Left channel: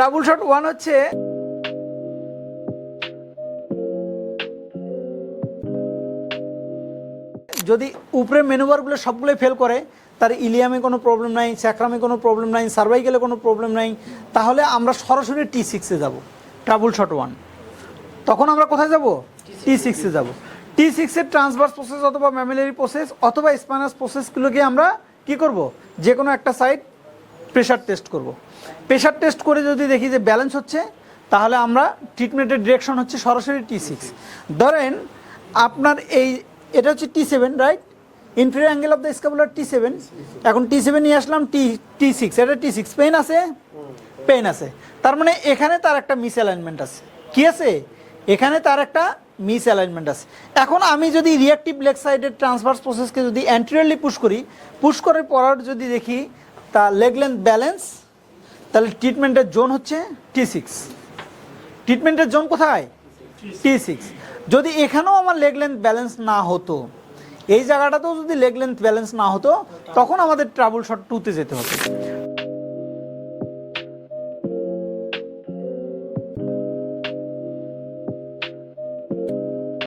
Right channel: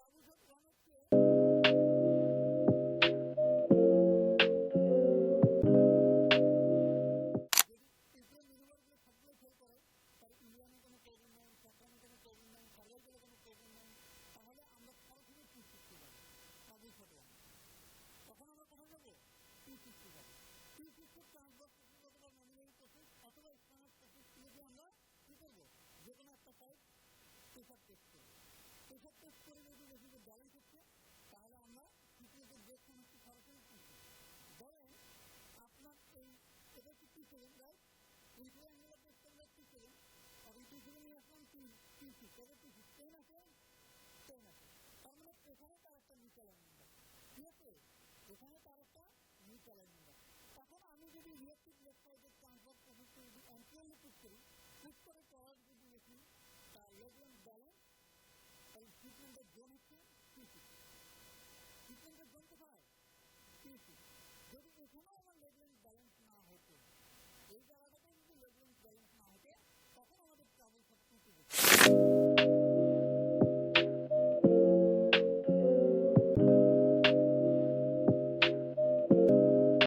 Trouble shot one হচ্ছে যদি উপরে মেনুবারগুলো সবগুলোই ফেল করে, তার ইলিয়ামে কোনো প্রবলেম নাই, স্যাক্রামে কোনো প্রবলেম নাই, সার্ভাইকেলে কোনো প্রবলেম নাই, তাহলে আমরা সরাসরি টি সিক্সে যাব ট্রাবল শট ওয়ান তখন আমরা কোথায় যাব? টি সিক্সে যাব। টি সিক্সের ট্রান্সভার্স প্রসেস অথবা ম্যামিলারি প্রসেস অথবা স্পাইনাস প্রসেসগুলোকে আমরা কি করব? যে কোনো একটা সাইড প্রেশার টেস্ট করব। প্রেশার টেস্ট করে যদি দেখি যে ব্যালেন্স হচ্ছে, তাহলে আমরা ট্রিটমেন্টের ডিরেকশন হচ্ছে সরাসরি টি সিক্স ধরেন আপনার এই, এটা হচ্ছে T seven right inferior angle of the scapular T seven এখন টি সেভেন নিয়ে আসলাম টি টি সিক্স এটা টি সিক্স পেন আছে? পেন আছে। তার মানে এখানে তার একটা মিস অ্যালাইনমেন্ট আছে। কি আছে? এখানে তার একটা মিস অ্যালাইনমেন্ট আছে। এখন আমি যদি রিয়াক্টিভ লেগ সাইডের ট্রান্সভার্স প্রসেসকে যদি অ্যান্টিরিয়রলি পুশ করি পুশ করে পর যদি দেখি তা লেগ লেন্থ ব্যালেন্স তাহলে ট্রিটমেন্টের জোন হচ্ছে টি সিক্স ট্রিটমেন্টের জোন কোথায়? টি সিক্স যদি এখানেও আমার লেগ লেন্থ ব্যালেন্স না হতো এই জায়গাটাতেও যদি লেগ লেন্থ ব্যালেন্স না হতো তখন আমাদের ট্রাবল শট টুতে যেতে হতো।